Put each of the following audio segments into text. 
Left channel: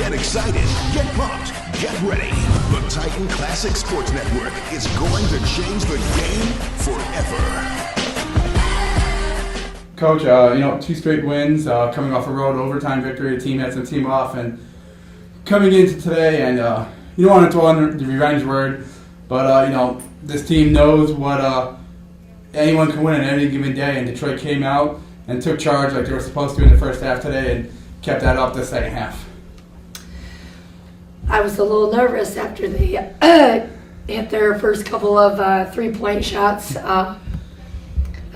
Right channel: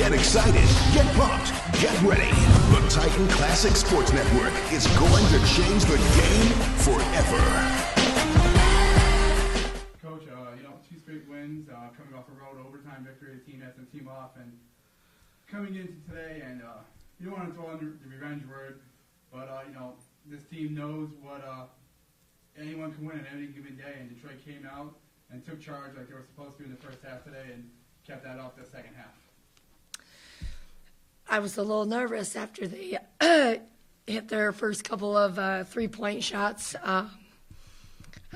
Get excited, get pumped, get ready. The Titan Classic Sports Network is going to change the game forever. Coach, 2 straight wins, coming off a road overtime victory. The team had some team off, and coming into today, and you don't want to throw on the revenge word, but this team knows what anyone can win on any given day, and Detroit came out and took charge like they were supposed to in the first half today, and kept that up the second half. I was a little nervous after they hit their first couple of 3-point shots. I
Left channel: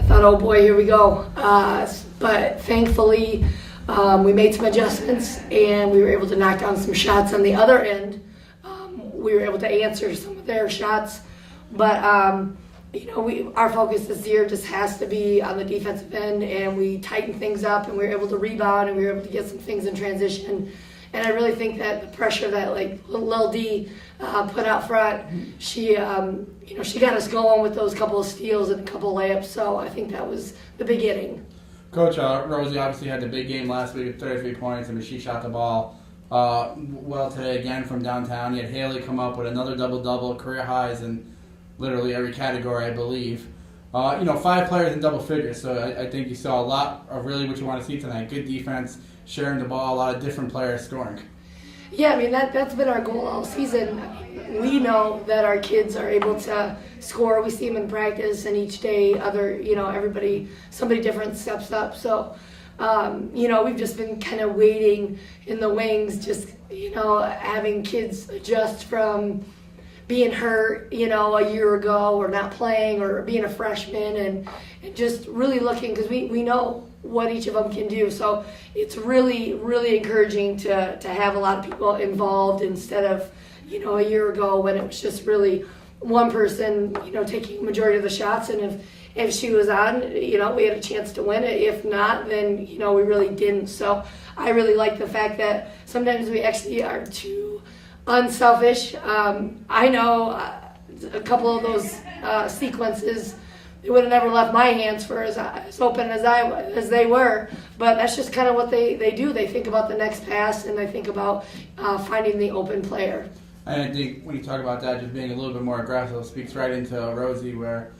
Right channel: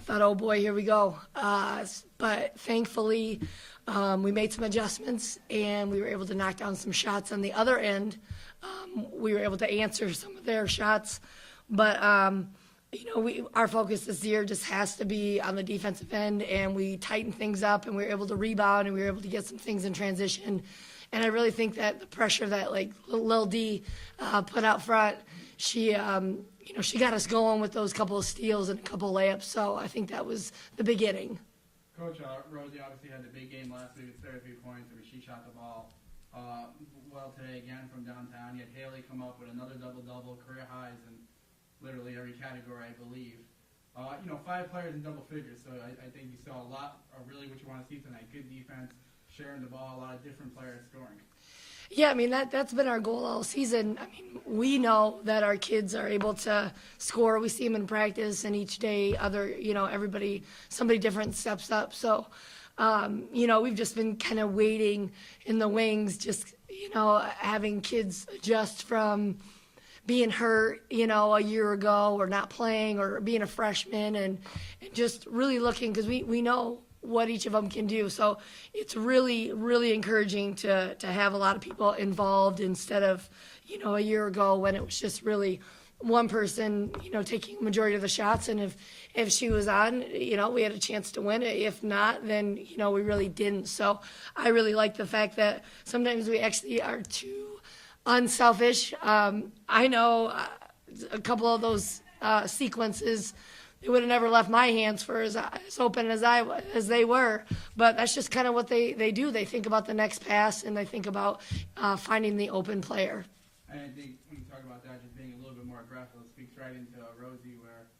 thought, oh boy, here we go. But thankfully, we made some adjustments and we were able to knock down some shots on the other end. We were able to answer some of their shots. But, our focus this year just has to be on the defensive end, and we tightened things up and we were able to rebound and we were able to get some things in transition. And I really think that the pressure that Lil D put out front, she got us going with those couple of steals and a couple of layups. So I think that was the beginning. Coach, Rosie obviously had the big game last week with 33 points. She shot the ball well today again from downtown. You had Haley come up with another double-double, career highs in literally every category, I believe. 5 players in double figures. So I think you saw a lot of really what you want to see tonight. Good defense, sharing the ball, a lot of different players scoring. Yeah, that's been our goal all season. We know that our kids are able to score. We see them in practice, and each day, somebody different steps up. So, we've just been kind of waiting in the wings, just, having kids adjust from being hurt, a year ago, or not playing, or being a freshman, and just really looking, because we know what each of them can do. So it's really, really encouraging to have a lot of people involved instead of, a year ago when it was just really one person, taking the majority of the shots. And if she was on, we had a chance to win it. If not, then, we really didn't. So I really like the fact that sometimes we actually are too unselfish. I know a couple of those sequences, it would have never left my hands for as open as they were. But that's just kind of what they do. They think about the next pass, and they think about finding the open player. And I think when you talk about that, just being a little bit more aggressive speaks right into Rosie, where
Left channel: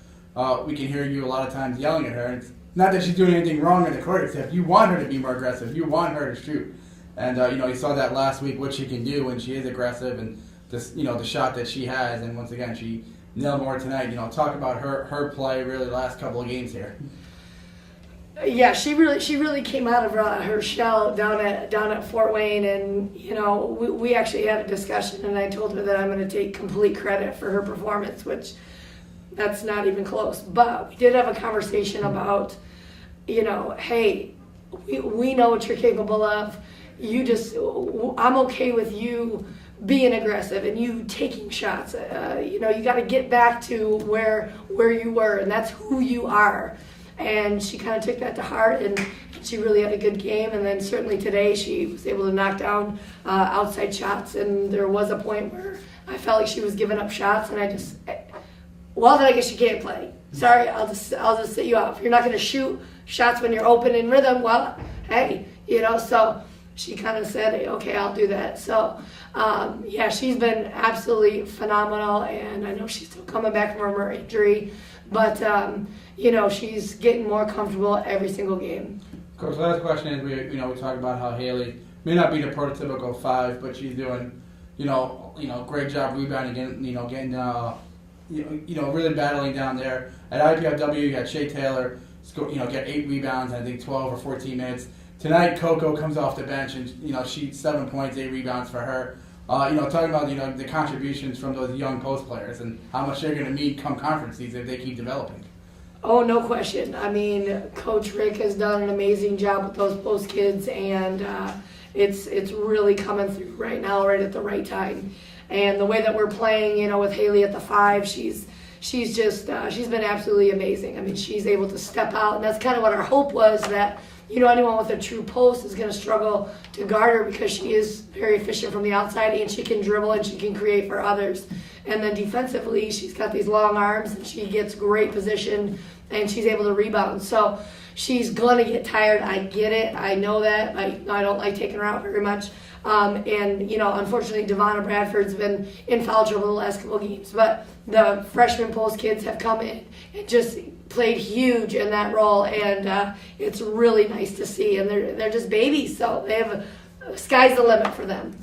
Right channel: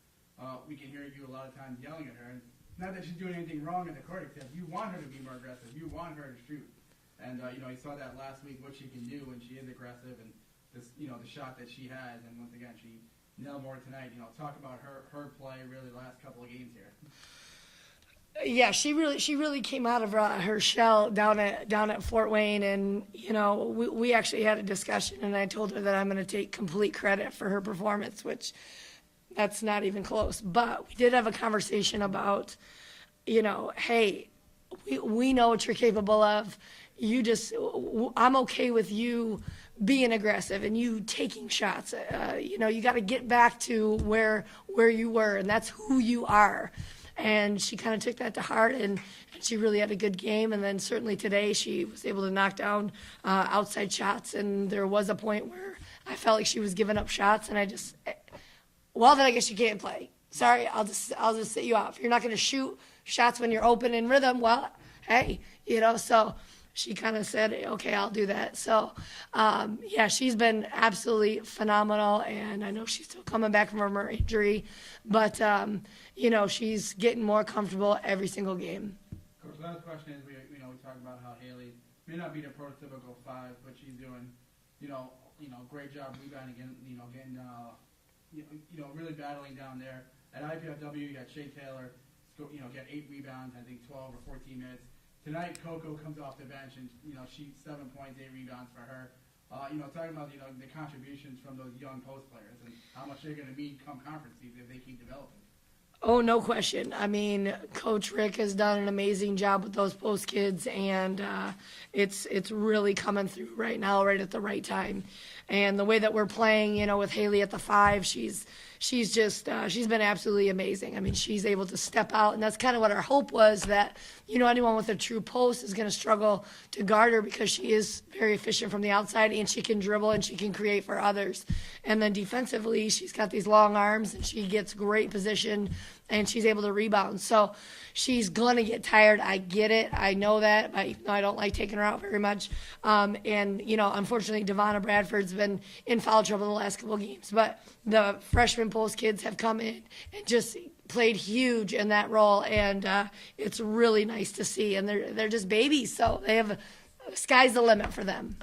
we can hear you a lot of times yelling at her. It's not that she's doing anything wrong in the court, except you want her to be more aggressive. You want her to shoot. And, you saw that last week, what she can do when she is aggressive, and this, the shot that she has. And once again, she nailed more tonight. Talk about her play really the last couple of games here. Yeah, she really came out of her shell down at Fort Wayne, and we actually had a discussion, and I told her that I'm going to take complete credit for her performance, which that's not even close. But we did have a conversation about, hey, we know what you're capable of. I'm okay with you being aggressive and you taking shots. You got to get back to where you were, and that's who you are. And she kind of took that to heart, and she really had a good game. And then certainly today she was able to knock down outside shots, and there was a point where I felt like she was giving up shots, and then I guess you can't play. Sorry, I'll just sit you out. If you're not going to shoot shots when you're open in rhythm, well, hey, so she kind of said, okay, I'll do that. So, she's been absolutely phenomenal, and I know she's still coming back from her injury, but, she's getting more comfortable every single game. Coach, last question is, we talk about how Haley may not be the prototypical 5, but she's doing, great job rebounding, getting, really battling down there. At IPFW, you got Shea Taylor, get 8 rebounds in, I think 12 or 14 minutes. Tonight, Coco comes off the bench, and she's 7 points, 8 rebounds for her. Talking about the contributions from those young post players and how much they're going to need come conference season if they keep developing. Oh, no question. I mean, Coach Rick has done an amazing job with those post kids, and it's really coming through right now, right at the right time. And the way that we're playing, with Haley at the 5, she's been absolutely amazing. I mean, she's able to step out, and that's kind of what our hope was, that anyone with a true post is going to struggle to guard her because she is very efficient from the outside and she can dribble and she can create for others. And then defensively, she's got these long arms and she gets great position and she's able to rebound. So she's going to get tired. I get it. I know that. I don't like taking her out very much. Unfortunately, Devonna Bradford's been in foul trouble the last couple of games. But the freshman Post kids have come in and just played huge in that role. And it's really nice to see. And they're just babies. So they have sky's the limit for them.